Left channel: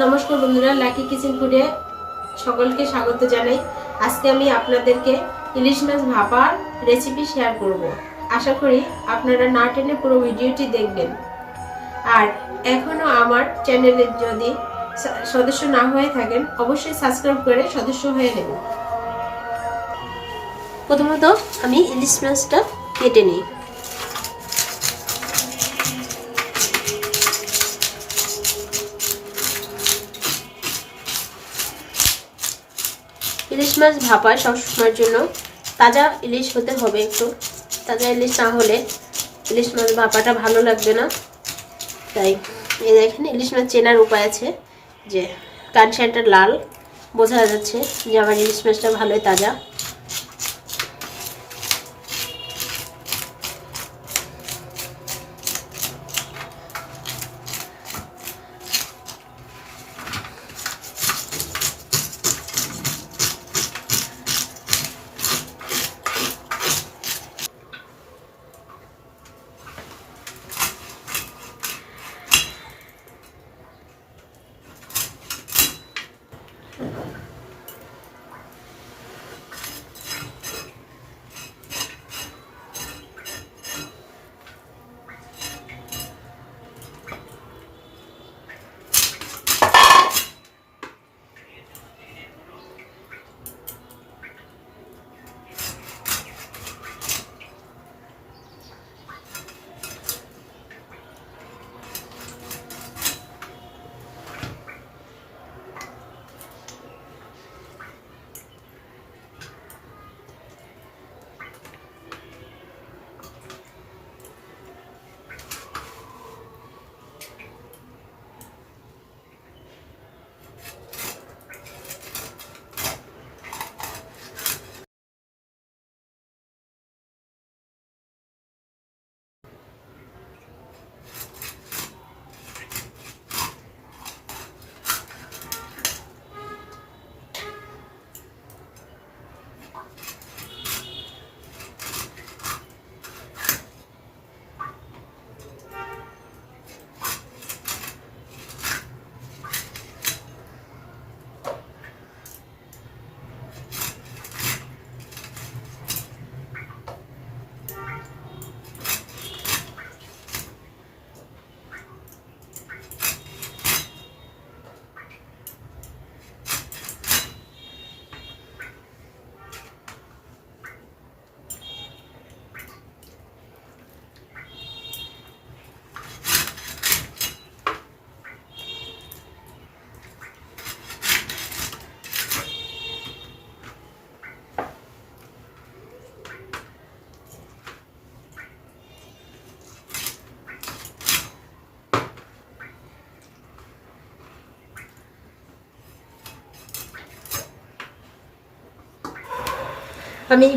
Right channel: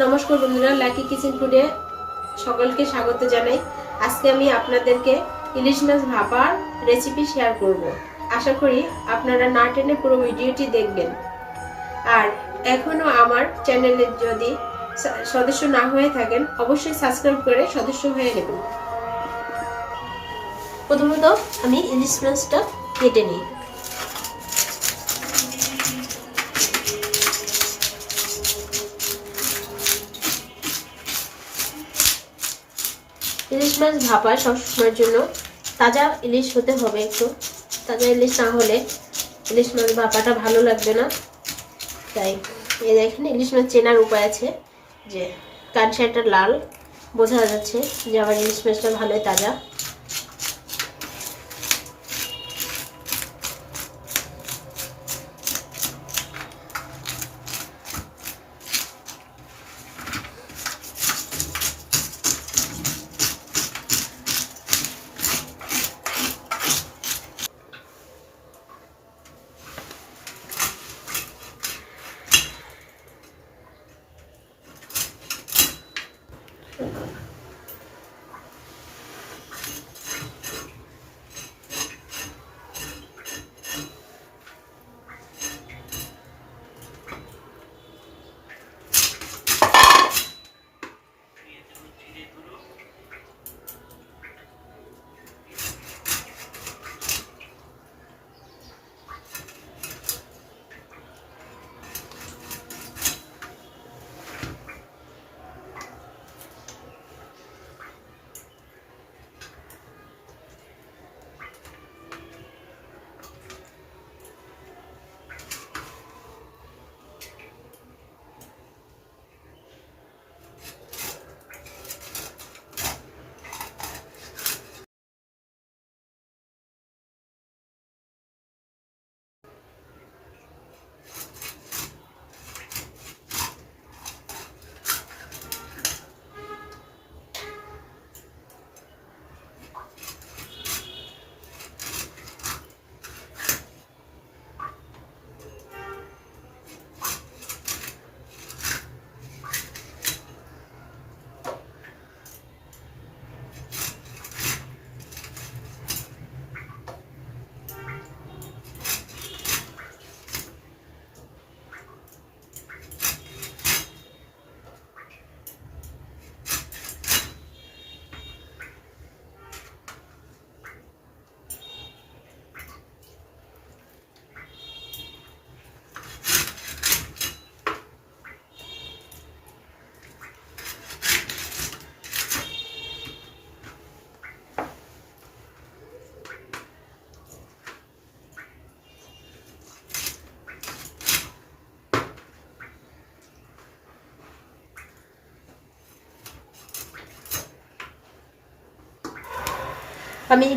নমস্কার বন্ধুরা, lucky kitchen ফুডে সকলকে স্বাগত জানাই। আজকে আমি আপনাদেরকে ইলিশ মাছ ভাপার রেসিপি শেয়ার করব। আশা করি আপনারা না টেনে পুরো ভিডিওটি দেখবেন। আর এখনো আমার চ্যানেলে যদি সদস্য না হয়ে থাকেন অবশ্যই সাবস্ক্রাইব করে সদস্য হয়ে নেবেন। প্রথমত আমি ইলিশ মাছটা কেটে নিই। ইলিশ মাছ ভাপা সবসময়ের জন্য তাজা ইলিশ হতে হবে। একটু তাজা ইলিশ না হলে ইলিশ মাছ ভাপাটা ভালো লাগবে না। তাই এই দেখেন, ইলিশ মাছ চেনার উপায় আছে, যে কানসারটা লাল, বোঝা যাচ্ছে যে আমার ইলিশ মাছটা ভালোই তাজা। আমি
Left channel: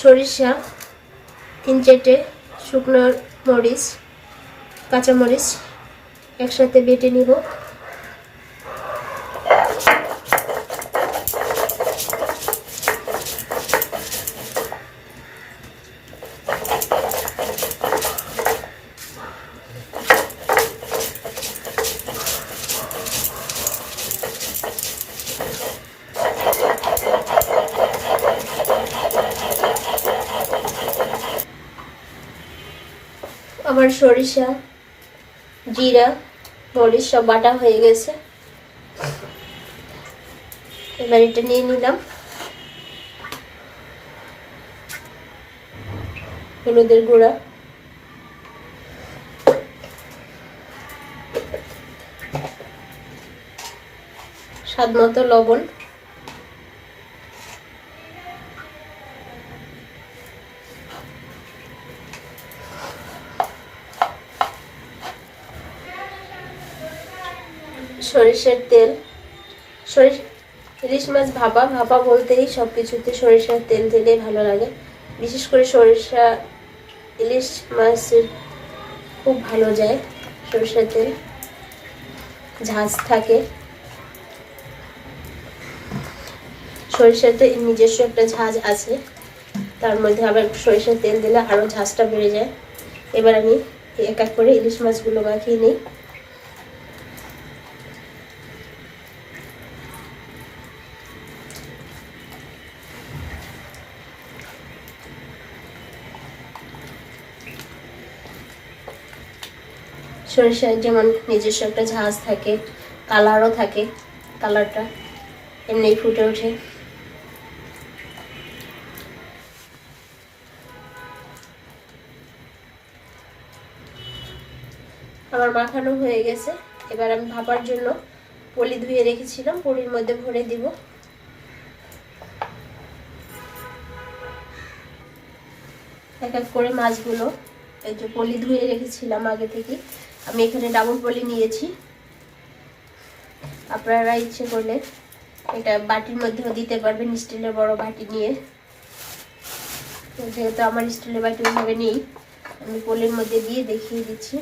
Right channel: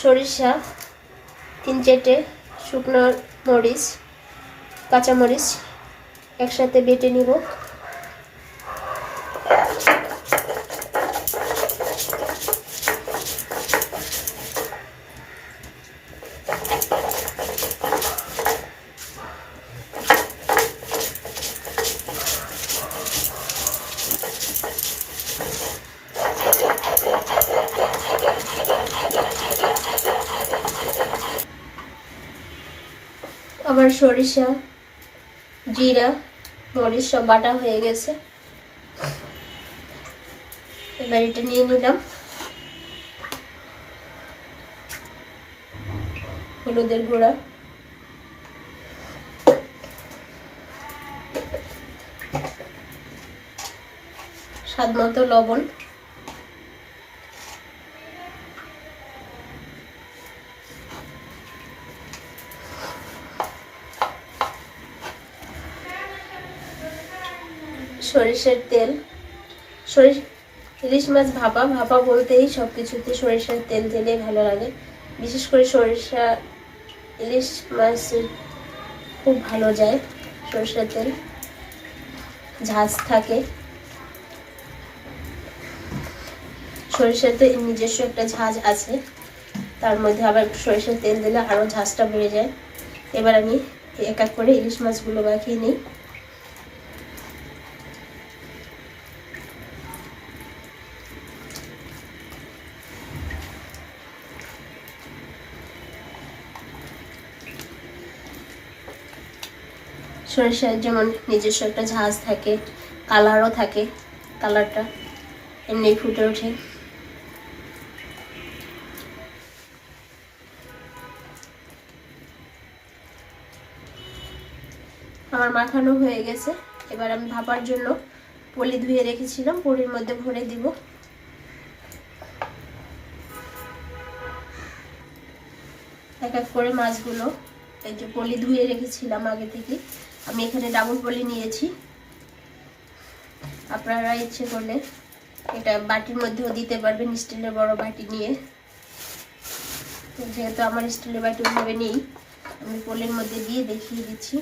সরিষা, 3-4টে শুকনো মরিচ, কাঁচামরিচ একসাথে বেটে নিব। আমার সরিষা, জিরা, মরিচ সব বাটা হয়ে গেছে। এবার এটা নিয়ে নিলাম। হলুদের গুঁড়া, স্বাদ মতো লবণ, সরিষার তেল। ইলিশ মাছ ভাপা বলতেই সবকিছুতে সরিষার তেল দিলেই ভালো লাগে। বিশেষ করে সরিষা ইলিশ মাছ খুব ভালো যায়। সরিষার তেল ঝাঁজ থাকে। সরিষার তো নিজস্ব একটা ঝাঁজ আছে, তার মধ্যে আবার সরিষার তেল দিলে আরো ঝাঁজটা বেড়ে যায়। এবার আমি এক এক করে ইলিশ মাছগুলো মাখিয়ে নিই। সরিষার যেমন নিজস্ব একটা ঝাঁজ থাকে, কালারও থাকে, কালারটা এমনি ফুটে ওঠে। আমার মাখানো হয়ে গেছে। এবার আমি ভাপার জন্য পলি ধুয়ে রেখেছিলাম, পলির মধ্যে ভরে দিব। এক এক করে মাছগুলো, এই যে পলি ধুয়ে রেখেছিলাম আগে থেকে, আমি এখানে ডাবল পলি নিয়েছি। আপনারা ইচ্ছে করলে এটা বাটির মধ্যেও দিতে পারবেন, স্টিলের বড় বাটি নিয়ে। যেহেতু আমার স্টিলের বাটি ওইভাবে নেই, আমি পলির মধ্যে দিয়ে দেখিয়ে দিচ্ছি।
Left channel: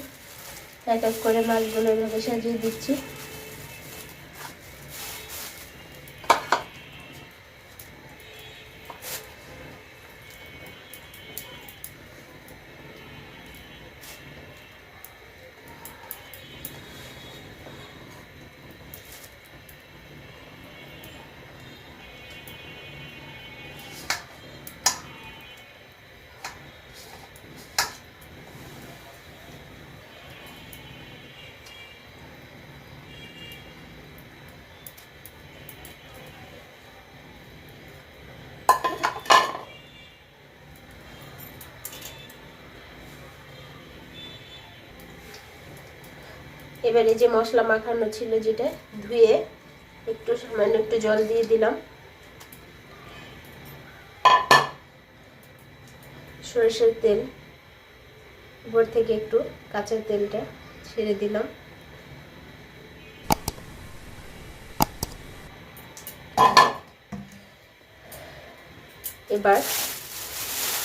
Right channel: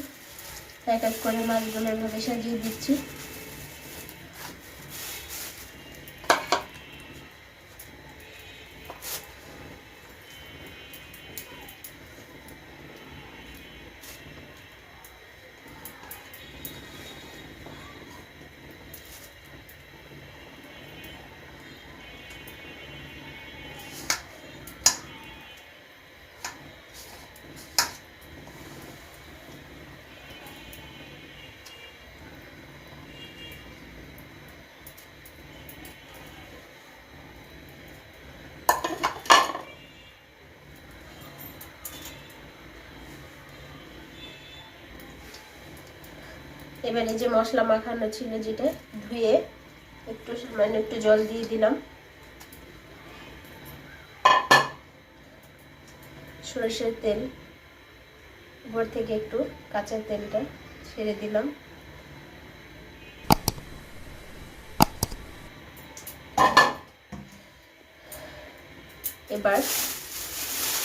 এক এক করে মাছগুলো এভাবে সাজিয়ে দিচ্ছি। এবারে যে মশলা মাখানো ছিল, যেটা ধুয়ে একটু সামান্য একটু জল দিয়ে দিলাম। সরষের তেল উপর থেকে একটু কাঁচা তেলটা ছেড়ে দিলাম। এবার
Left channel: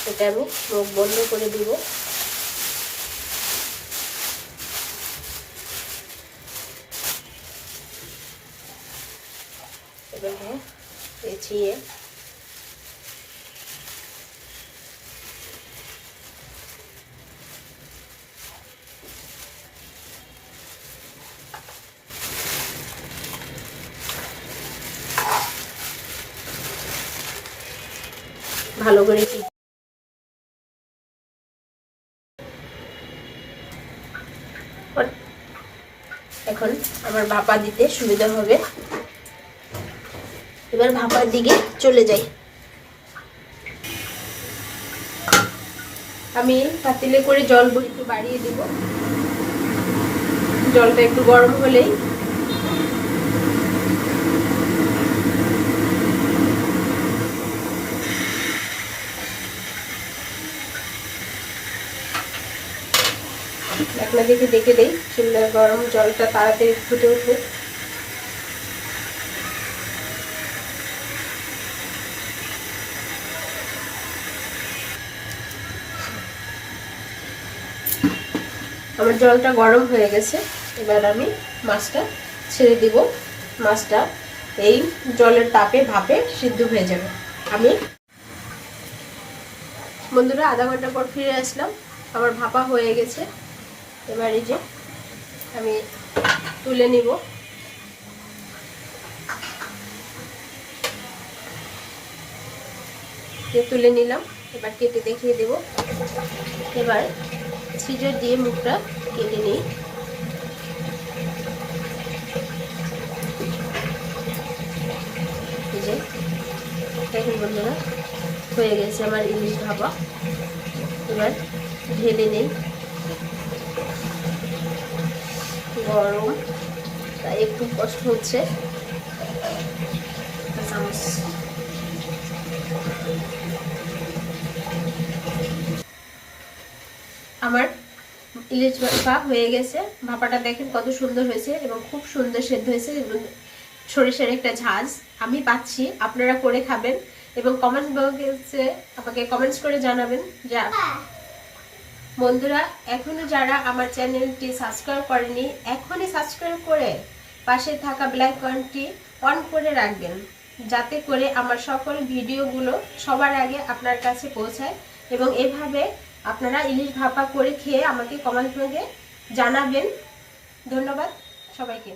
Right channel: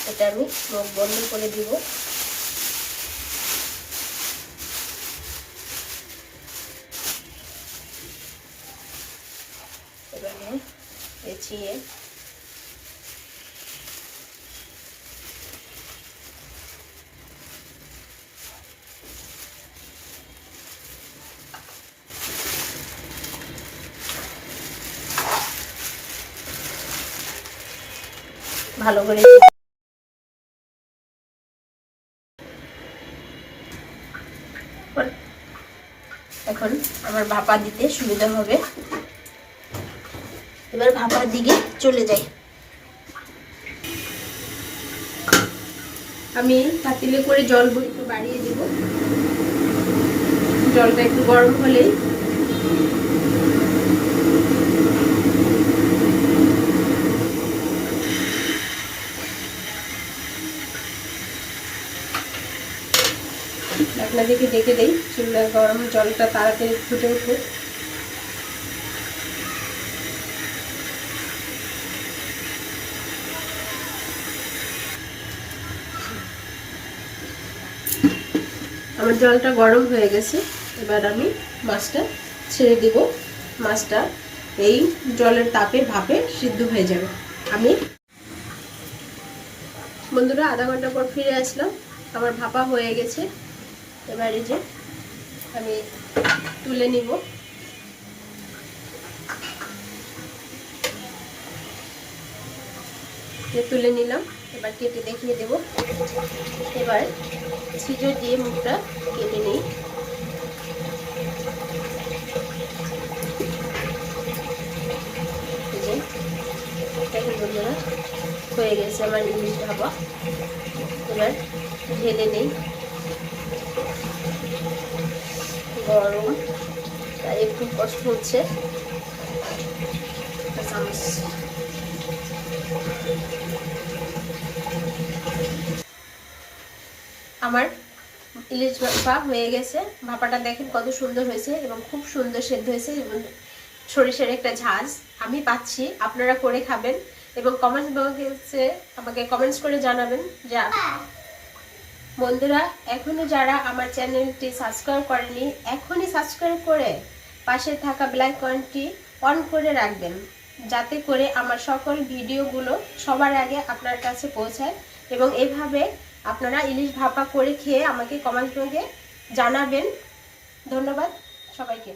এটা আমি মুখ বন্ধ করে দিব। এবার পেঁচিয়ে ভালো করে এখন আমার ভাপা দিতে সুবিধা হবে। এবার ভাপার দিকে চলে যাই। আমি পাতিলে করে জল একটু বাড়িয়ে দিব। জলটা একটু গরম হলেই ঢাকনা দেখে দেখে দেই, চুলা গরম, জলটা তাড়াতাড়ি ফুটে উঠুক। আমার জলটা গরম হয়ে গেছে। এবার আমি মাছটা ছেড়ে দিব। মাছটা এই জলের তাপে ভাপে সিদ্ধ হয়ে যাবে। আমি বন্ধুরা আধা ঘন্টা পর ফিরে আসলাম। আমার ভাপা হয়ে গেছে। এবার এই যে আমি তুলে নিব। তুলে নিলাম। এবার কেটে দেখিয়ে দেব। এবার সিজার দিয়ে মুখটা কেটে নিই। দেখুন বন্ধুরা, হয়ে গেছে আমার ইলিশ ভাপা। এবার ঢেলে নেই। গরম তাই একটু কষ্ট হচ্ছে। চামচ আমার ইলিশ ভাপা হয়ে গেছে। ভাপাটা দেখেন কত সুন্দর হয়েছে এবং খুব সুন্দর সেদ্ধ হয়েছে। সরিষার একটা ঝাঁজ আমি পাচ্ছি। আপনারা করে খাবেন এবং কমেন্টস বক্সে আমাকে কমেন্টস করে জানাবেন। যে বন্ধুরা এখনো যারা আমার চ্যানেলটি সাবস্ক্রাইব করেনি, এখনই সাবস্ক্রাইব করে পাশে থাকা বেল আইকনটি অন করে রাখবেন, যাতে করে আমার সকল ভিডিওগুলো সবার আগে আপনার কাছে পৌঁছায়। এবং এভাবে আপনারা ইলিশ ভাপা করে খেয়ে আমাকে কমেন্ট বক্সে জানাবেন। ধন্যবাদ সবাইকে।